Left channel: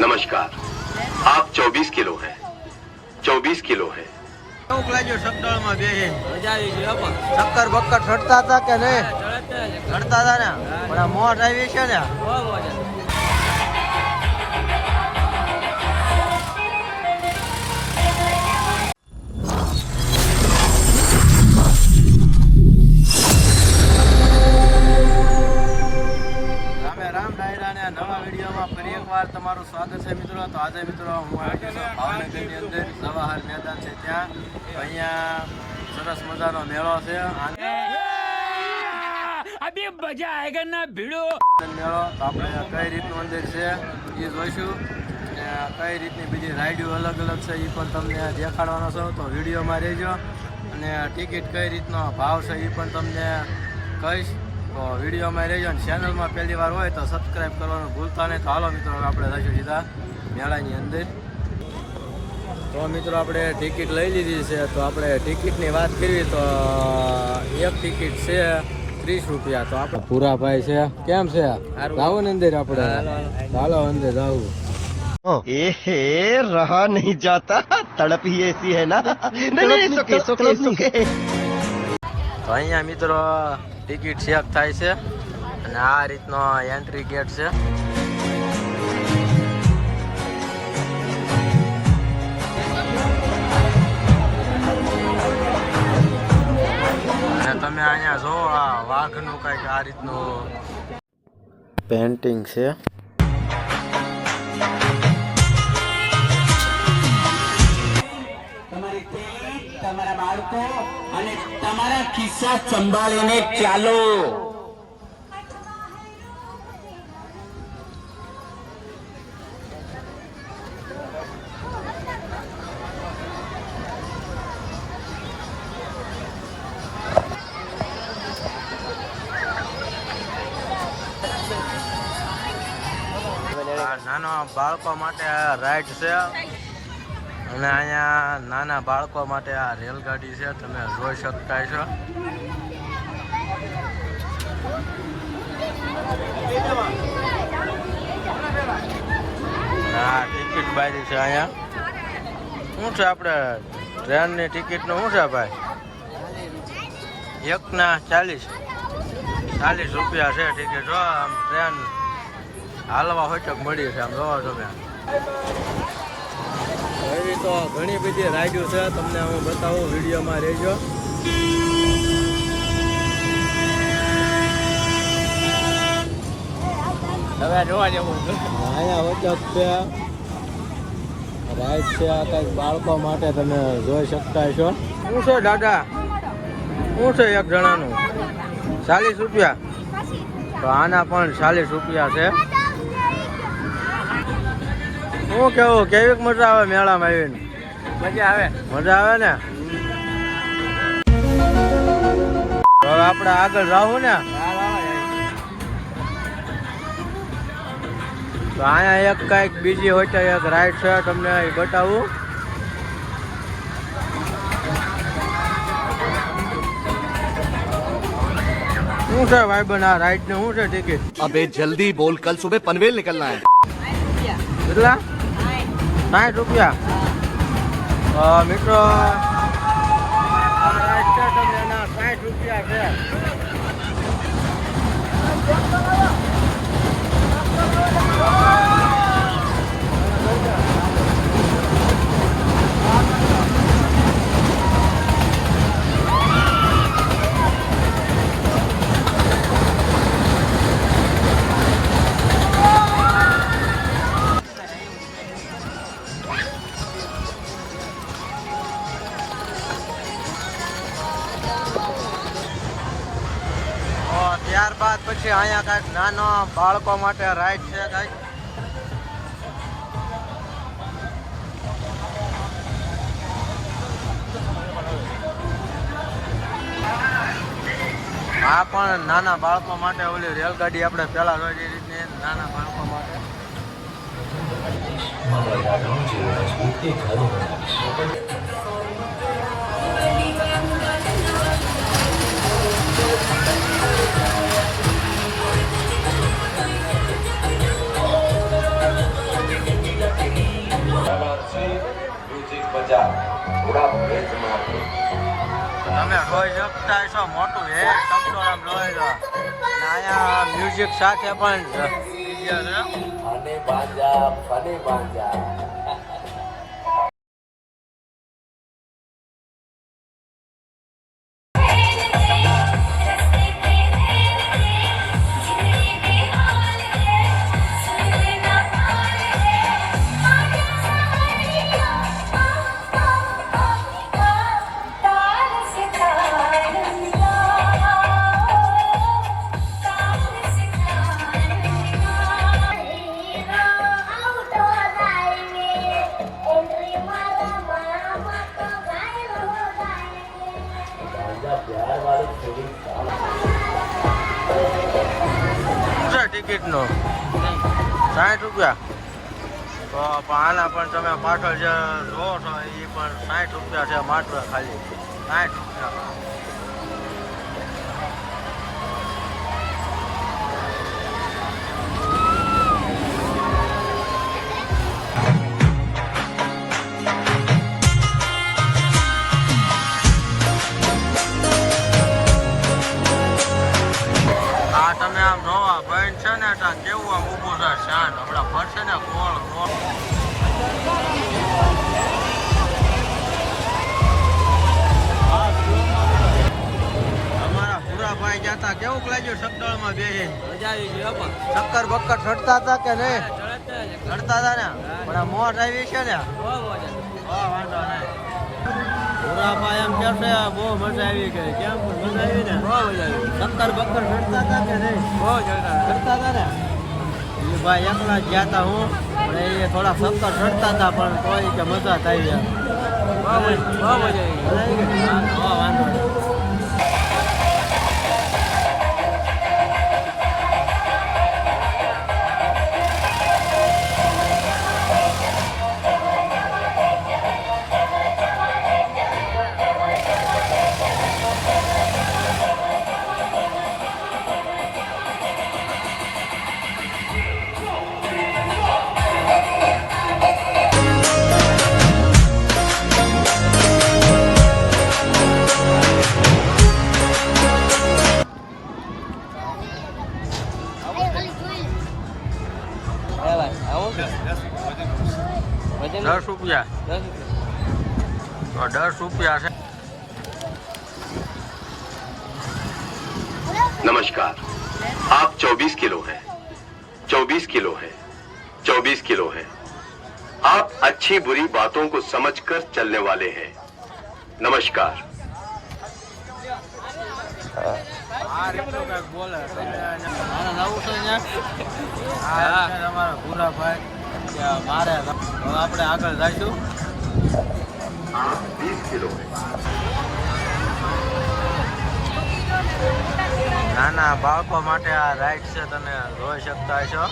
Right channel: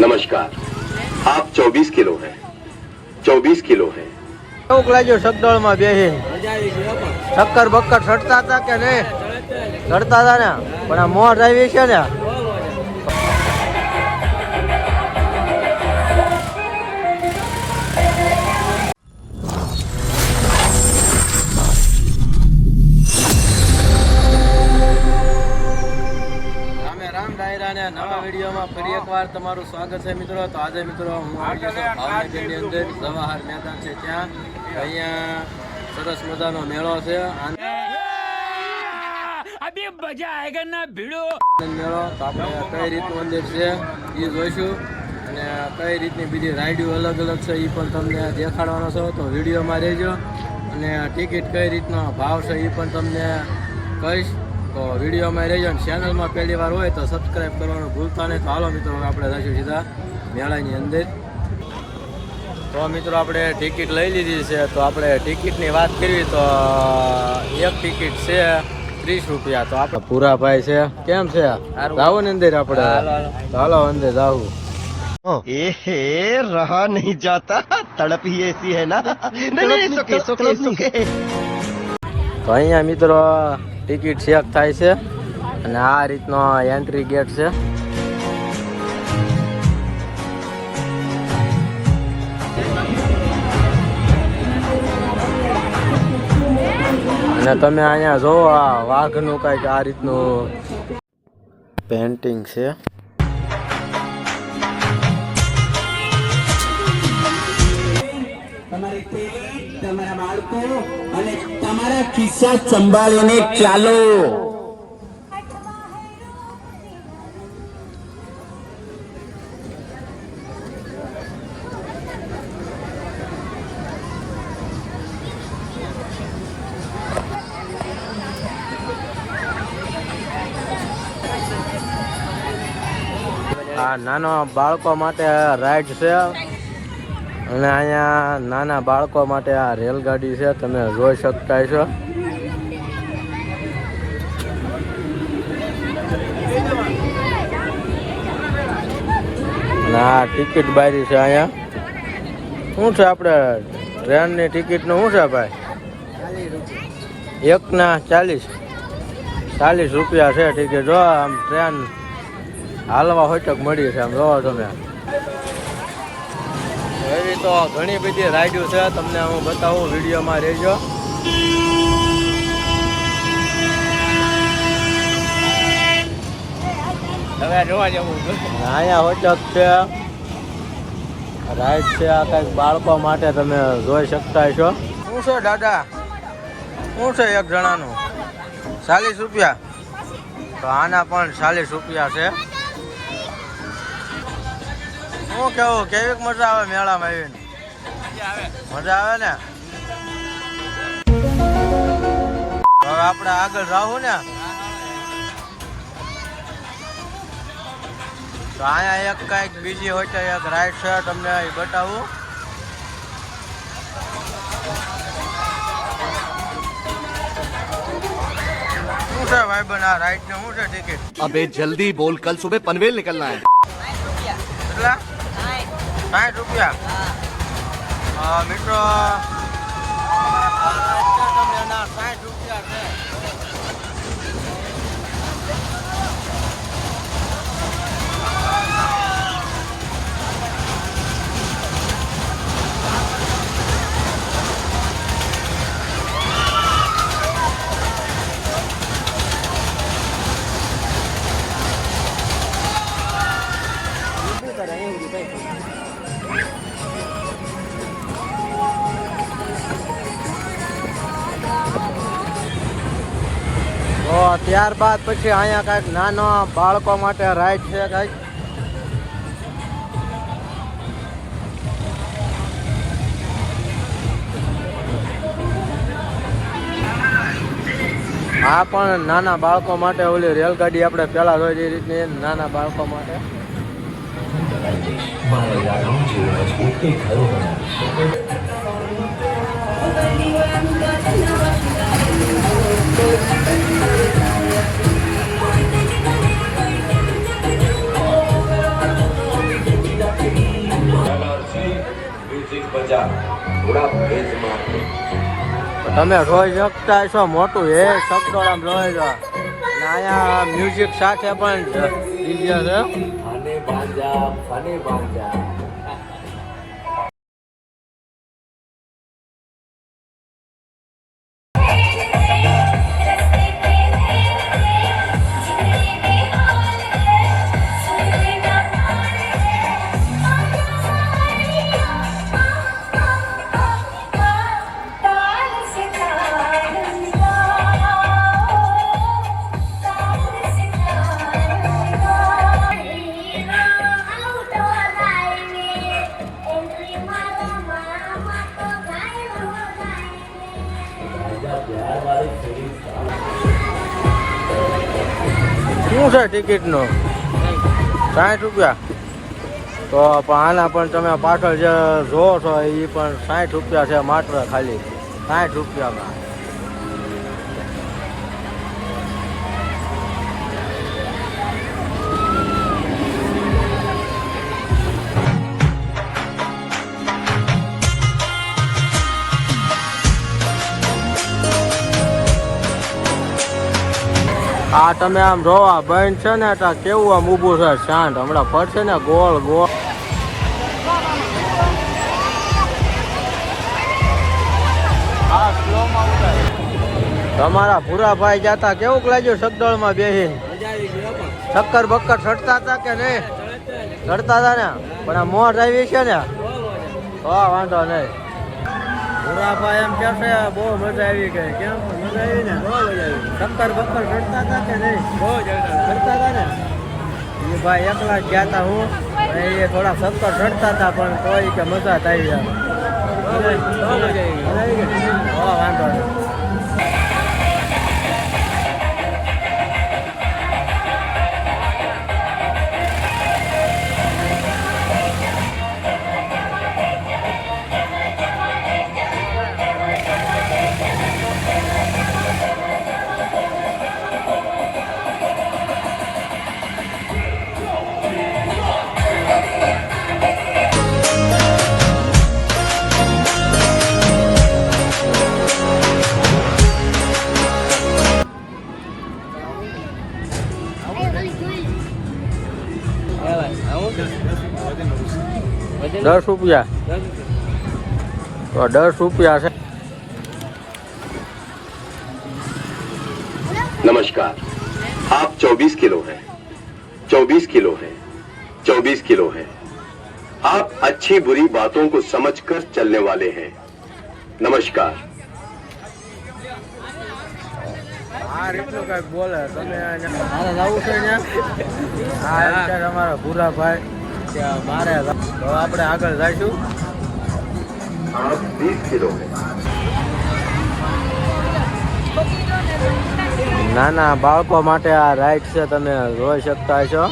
नमस्कार, आप 24 किलो हैं, 24 किलो हैं। કેવું લાગ્યું સગદળમાં બેહીને? મજા આવી ગઈ પણ શક્કર બક્કર ચડતા હતા કે નહીં? ચડતા હતા ને, પણ આ મોઢ આવી છે ને. બહુ મજા. રામ ડાયરાને નવા વિડીયોમાં ફરી એકવાર તમારું સ્વાગત છે મિત્રો. તો આજે મિત્રો હું આવી ગયો છું ભાવનગરની અંદર જવાહર મેદાન છે ત્યાં. તો અહીંયા સરસ મજાનો મેળો છે અભી મજા આયેગા ના ભીડો મેળો. તો આપણે કઈ રીતનું મંદિર છે એ જોઈશું અને કઈ રીતની બીજી રાઈડો અલગ અલગ છે એ પણ તમને દેખાડવાનો છો. તો વિડીયોમાં રહેજો અને ટિકિટ કઈ રીતનો ભાવ છે એ પણ તમને કહીશ. તો વિડીયોમાં રહેજો અને ચેનલમાં પહેલી વાર હોય તો સબસ્ક્રાઈબ કરવાનું ભૂલતા નહીં. તો હાલો મિત્રો આપણે જઈશું સીધા મેળાની અંદર. તો મિત્રો આપણે ટિકિટ લઈ લીધી છે. તો આપણે ટિકિટની વાત કરવી તો એક ટિકિટ છે 30 રૂપિયા. તો આપણે પૂરા ભાઈ છે કેમ છે જાવું ને અંદર આપણે? ચાલો અંદર જાવું. रहा नहीं जाता तड़प ही ऐसी है ना તો અહીંયા મિત્રો ટિકિટ ચેક થાય છે અને આ રીતનો એન્ટ્રી ગેટ છે. અને તમે અહીંયા જોવો આ વાઘનું કંઈક આ રીતનું પેન્ટિંગ છે. તમારા બાળકો અને તમારા ખિસ્સા સંભાળીને ચાલો. આ નાનો બાળકો માટે રાઈડ છે અને અહીંયા નાના બાળકો માટે આ રેલગાડી છે, તમે જોઈ શકતા છો. અને આ ટિકિટ બારી છે અહીંયા. શું છે આપણે ટ્રેનની ટિકિટનું શું છે ભાઈ? એકના 40 રૂપિયા છે ટિકિટ. જો આમ ટ્રેન હાલવા હોચક મળી છે આમ જોવો તમે. એવી તો ઘણી બધી રાઈડો છે, તમને હું બતાવું, વિડીયોમાં રહેજો. અહીંયા હોચક છે, રાઈડ છે આ કંઈક બાળકો માટે, તમે જોઈ શકતા છો. શું છે દાદા? શું છે એક જણાનું 40 રૂપિયા? તો આના પણ 40 રૂપિયા છે. શું કેવું, કેવી મજા આવે મેળામાં આવીને? મજા આવે ને. હવે આપણે આગળ જાવું ને. તો અહીંયા એક કઈક બીજી હોય છે એક રાઈડ છે, તમને એ બતાવું. શું છે ભાઈબંધ આ રાઈડ ને શું છે ટિકિટ? अबे जल्दी बोल, कल सुबह पनवेल निकलना है. કેટલા? 60 રૂપિયા. મિત્રો આ રાઈડ છે તમને એના 60 રૂપિયા છે. તો ત્યારબાદ પછી અહીંયા કાંઈક નાનો બાળકો માટે રાઈડ છે કાંઈક. આ પણ નાના બાળકો માટે ઓલી રેલગાડી આપણે પેલા જોઈ એ રીતની નાના બાળકો માટે. તમે જોઈ શકતા છો મોટું હે સકડોળ આમ જોઈ લો અને અહીંયા મ્યુઝિક સાથે પણ ડીજે છે. શું છે ટિકિટનું 60 રૂપિયા? તો પણ આના પણ તમે પાછળ જે જોવો છો એ પણ 60 રૂપિયા છે માત્ર, ખાલી 60 રૂપિયામાં. આ તમે આમ જોવા બંધ છે ને એટલે કેવું આમ ઊભું છે શાંત, હમણાં ફરશે ને ગોળ ગોળ. તમારા ભૂરાભાઈ જતા કેવું લાગ્યું સગદળમાં બેહીને? મજા આવી ગઈ પણ ચક્કર બક્કર ચડતા હતા કે નહીં? ચડતા હતા ને, પણ આ મોર આવી છે ને તો વાંધો નહીં. ભૂરાભાઈ એમ કે છે બહુ મજા આવી ગઈ. કેમ પણ મજા આવી ને? બહુ મજા આવી. ચક્કર બક્કર ચડતા હતા કે નહીં? બહુ ચડતા હતા ને. એ ભાઈ એકલા જ ગયા હતા હું, પણ એ થોડા ચક્કર ચડતા હતા પણ તોય કે મજા જ આવી. બહુ મજા આવી. વાંધો નહીં. ₹10 તો ₹10 છે. नमस्कार, आप 24 किलो हैं, 24 किलो हैं, 24 किलो हैं. आप अच्छी बुरी बातों को समझकर चलने वाले हैं. नमस्कार. આ રીતનું કઈક બોલે તમે. મારે જવું છે ને? હા એમ છે તમારા ભૂરાભાઈ કે મારે તો આપણે આગળ જઈશું. आप 20 किलो हैं. નાના બાળકો માટે આ રાઈડ છે, તમે જોઈ શકતા છો.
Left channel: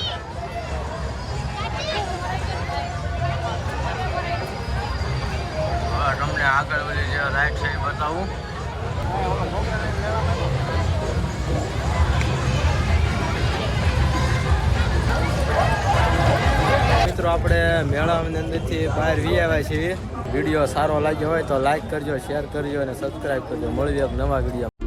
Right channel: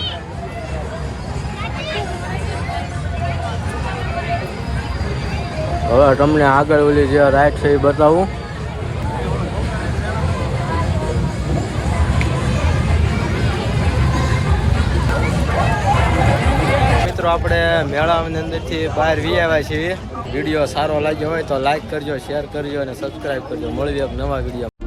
હવે તમને આગળ ઓલી જે રાઈડ છે એ બતાવું. મિત્રો આપણે મેળાની અંદરથી બહાર વી આવ્યા છીએ. વિડીયો સારો લાગ્યો હોય તો લાઈક કરજો, શેર કરજો અને સબસ્ક્રાઈબ કરજો. મળીએ એક નવા વિડીયો.